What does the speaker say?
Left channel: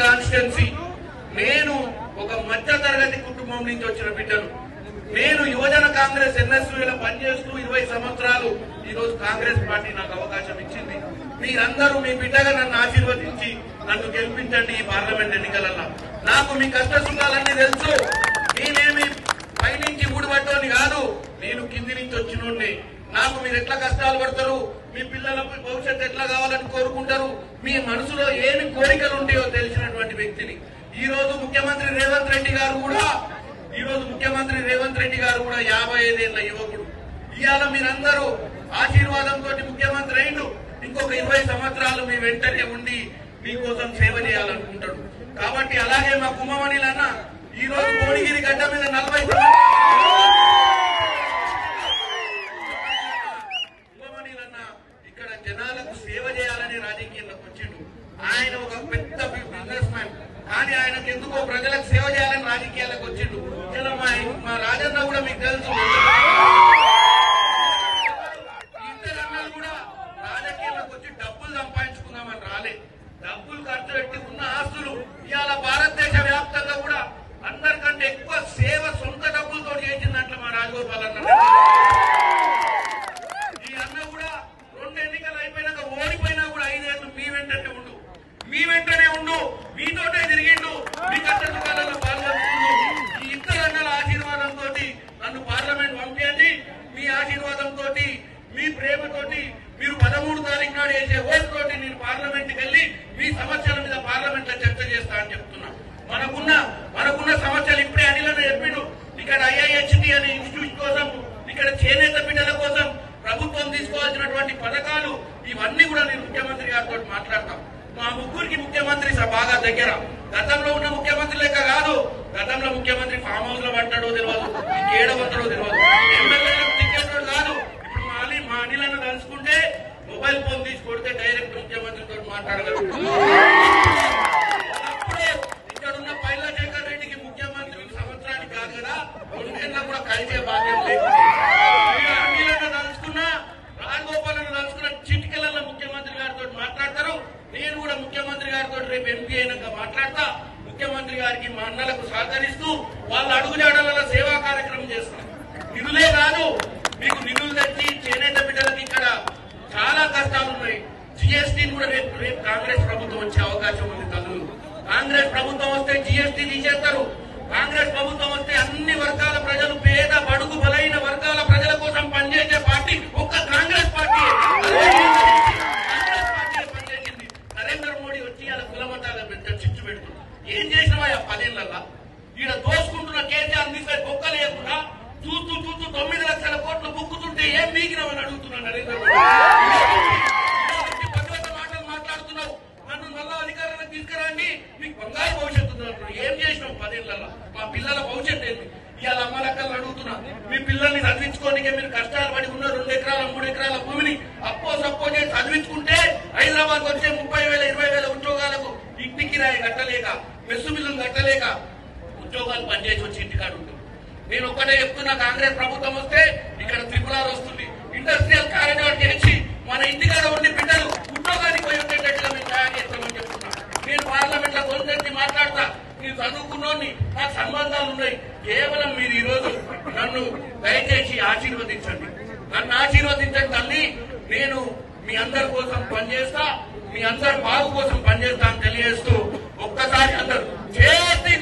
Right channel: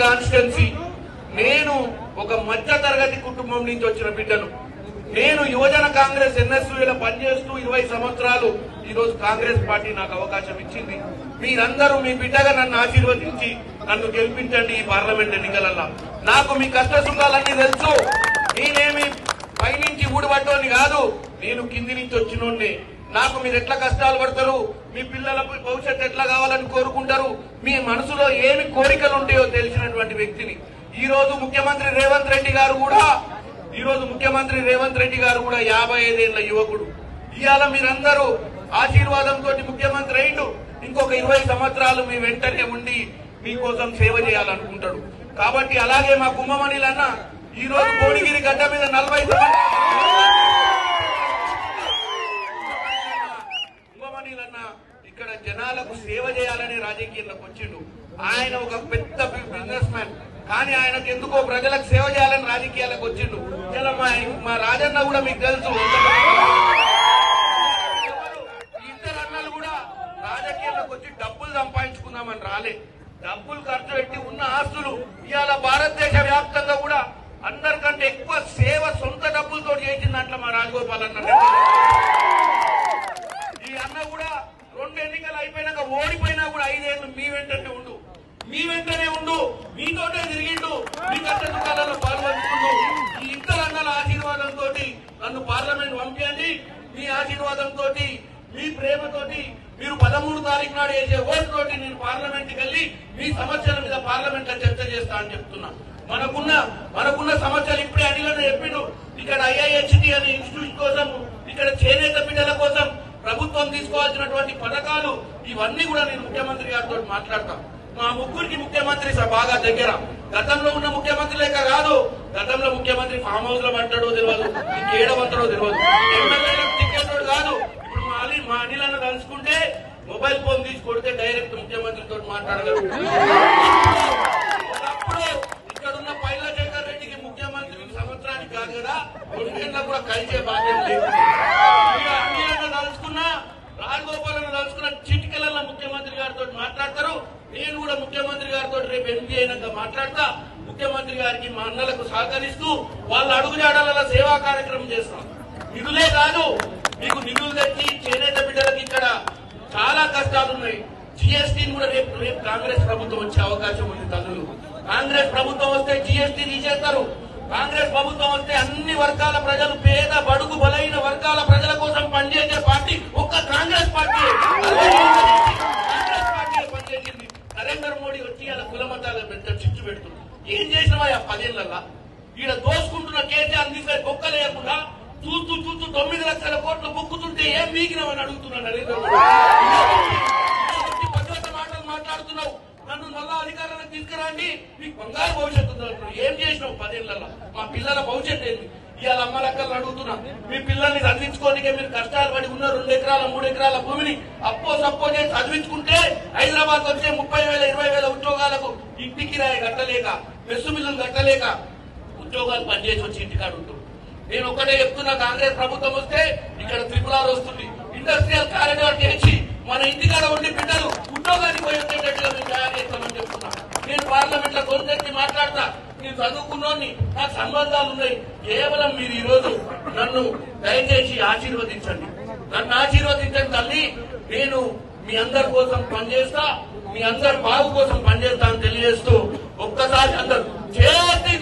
Constituency నేను ఒక మధ్య తరగతి కుటుంబం నుంచి వచ్చిన బిడ్డను. నేను యువజన కాంగ్రెస్ ఎన్ఎస్యూలో పనిచేస్తూ 20 సంవత్సరాలు ఈ రోజు కాంగ్రెస్ పార్టీ నాకు అవకాశం ఇచ్చింది. మీరందరూ మీ బిడ్డగా నన్ను ఆశీర్వదించి నన్ను గెలిపించండి ఈ పార్లమెంట్ ఎన్నికలలో. నాకు మీ కష్ట సుఖాలన్నీ తెలుసు. నేనేమి పైనుంచి ఊడిపడ్డోని కాదు, నేను కింది నుంచి వచ్చినోడిని. నాకు మీరు ఎట్లా కష్టాలు పడతారు, మీ పిల్లల భవిష్యత్తు ఎట్లా కావాలని కోరుకుంటారు, మీ మనసులో ఏమి కోరికలు ఉంటాయో తెలిసినటువంటి వ్యక్తిని. ఈ రోజు ముఖ్యమంత్రి రేవంత్ రెడ్డి గారు కూడా 55 ఏళ్ల యువకుడు. ఇవాళ మీరందరూ ఆశీర్వాదంతో ముఖ్యమంత్రి అయిండు. ఇంకొక 20 సంవత్సరాలు మీ వెంటనే ఉండి మీకోసం సేవ చేయాలనుకుంటాడు. కాబట్టి అలాగే మా కుంభమణిలన్న ఈ రోజు కోడిగిరి గడ్డ మీద 40 కుంభమణిలన్న ఇక్కడ జనాలకు సేవ చేయాలని రాజకీయాల్లోకి వచ్చిండు. ఆయన ఒక పెద్ద బిజినెస్ మ్యాన్, కానీ ఆయనకు ఎందుకో ప్రజలకు సేవ చేయాలని రాజకీయాలకు వచ్చిండు. మా రాజన్న కూడా మీకు తెలుసు, ఇద్దరు అన్నలు కూడా రాజకీయాలకు వచ్చి డబ్బులు సంపాదించుకుందామని రాలే. డబ్బులు ఖర్చు పెట్టి ఉన్న ఆస్తులు ఇవాళ భారతదేశ వ్యాప్తంగా కూడా అందరికంటే ఎక్కువ సేవ సొంత డబ్బులతో చేసిందంటే మా రాజగోపాల్ అన్న. ఈ అన్న కూడా 2 ఎన్నికలు అయిపోయినాక ఓడిపోయినా కూడా 5 ఏళ్ళు మీ వెంటనే ఉండు, మీతోటే తిరిగిండు, మీ కష్ట సుఖాలలో పాల్గొంటుండు. ఈ ఇద్దరు అన్నల ఆశీర్వాదంతో నన్ను పార్లమెంట్ పంపించండి. మీ ఆశీర్వాదంతో, మీ ప్రేమతోటి, మీరు 13 తారీఖు నాడు వేసే ఓటుతోటి నేను పార్లమెంట్కి వెళ్లి మీ సమస్యల మీద పార్లమెంట్ లో చర్చ చేస్తా అని చెప్తున్నా. మనకున్న సమస్యలు ఇప్పుడే అనిలనే చెప్పిండు. ఇక్కడ IIHT అనే ఇన్స్టిట్యూట్ కోసం, ఇక్కడ చేనేత బిడ్డల కోసం ప్రభుత్వం తీసుకోవాల్సినటువంటి పథకాలు ఇవన్నీ కూడా నేను ముఖ్యమంత్రి గారితో మాట్లాడతాం. మా ముగ్గురికి ముఖ్యమంత్రి బాగా దగ్గర. గతంలో ఉన్న ముఖ్యమంత్రి లెక్క కాదు. గతంలో ముఖ్యమంత్రి ఫామ్ హౌస్ లో పడ్డాడో తెలియదు, ఇంకేడవంతడో తెలియదు, ఎమ్మెల్యేలకు టికెట్ కాదు. ఇప్పుడు మా అనిలను కలుసుకుంటే మొబైల్ ఫోన్ తీసి కొడితే డైరెక్ట్ ముఖ్యమంత్రితో మాట్లాడగలుగుతారు. అప్పుడే ఇక్కడున్న పైలాశేఖర్ రెడ్డికి ముఖ్యమంత్రి సంవత్సరానికి కాదు కదా, 2 ఏళ్ళకు కూడా కలిసే బాధ్యత లేదు. అనిలను కలుసుకున్నా, రాజగోపాలను కలుసుకున్న చిటికెలలో ముఖ్యమంత్రి గారితో మాట్లాడతారు. నేను కూడా ముఖ్యమంత్రి గారితో రేపు ఎంపీ అయినాక మాట్లాడతా. ముఖ్యమంత్రి గారికి మా అన్నలకు సహకరిస్తూ వాళ్ళ అడుగుజాడలలో సేవా కార్యక్రమం చేస్తాం. నిధులే కాదు, మీకు నిధులు తెచ్చి చేనేత బిడ్డలకు ఇక్కడ చాలా కష్టాలున్నాయి. జిఎస్టీని కూడా రేపు కాంగ్రెస్ ప్రభుత్వం వచ్చే అవకాశం ఉంది. తల్లులు కాంగ్రెస్ ప్రభుత్వం వస్తే జిఎస్టీ తీసేస్తారు. కాంగ్రెస్ ప్రభుత్వం వస్తే అన్ని వర్గాల ప్రజలు, పేద బడుగు బలైన వర్గాల ప్రజల కోసం పనిచేసే పార్టీ ఒక్క కాంగ్రెస్ పార్టీ. పనిచేసింది. నరేంద్ర మోడీ వచ్చి అలా కులమతాల పెద్ద చిచ్చు పెడుతుంది. ఏం చేసినవా 10 ఏళ్లలో? ఈడ దోసుకుంటున్న కేసీఆర్ తీసుకొని బొక్క లేకుండా చూస్తూ 9 లక్షల కోట్లు బుక్కుతుంటే ఏం మీకినవని అడుగుతున్నా నరేంద్ర మోడీ. పద్ధతి మాటలు మాట్లాడుతున్నావు. నన్ను మళ్ళా అధికారంలో తీసుకురండి, మీకు బంగారు భవిష్యత్తు ఉందంటున్నావు. ఏం చేసినావు 10 ఏళ్లలో? మా పిల్లల భవిష్యత్తు ఏంటి? ఇవాళ అమ్మలక్కలు అడుగుతున్నా, మీ పిల్లల్ని చదివించుకోనికే మీరు కష్టాలు పడి ఉన్న 2 ఎకరాల 3 ఎకరాల భూమిని సప్పో చేసి చదివించుకుంటే హైదరాబాద్ వచ్చే 30,000 20,000 ఉద్యోగాలకు ఇంటి కిరాయి కట్టలేక, మెస్సు మిల్లులు కట్టలేక ఉద్యోగాలు పనిచేసి వచ్చి ఇంటికాడు ఉంటుంది. నేను ఒక్కటే చెప్తున్నా, కాంగ్రెస్ ప్రభుత్వం వస్తే ఇక్కడ త్రిపురాలు వస్తుంది. ఇండస్ట్రియల్ కారిడార్ చేసి మన ఇంటికాడ ఉండే బిడ్డలు ఉద్యోగానికి పోయి ఉండేటట్టుగా మేము తయారు చేస్తామని చెప్తున్నా. నేను పార్లమెంట్ లో కొంచెం మాట్లాడతా. నేను చదువుకున్నోని, నాకు సంబంధాలు ఉన్నాయి. కేవలం మీరు ఈ రోజు నన్ను దయచేసి ఆశీర్వదించండి. నన్ను ఆశీర్వదించండి తల్లి. నేను మీ అందరి కోసం పనిచేస్తా, మీ అందరి బాగు కోసం పనిచేస్తా అని తెలియజేస్తూ ఒక్కసారి అందరూ చేతి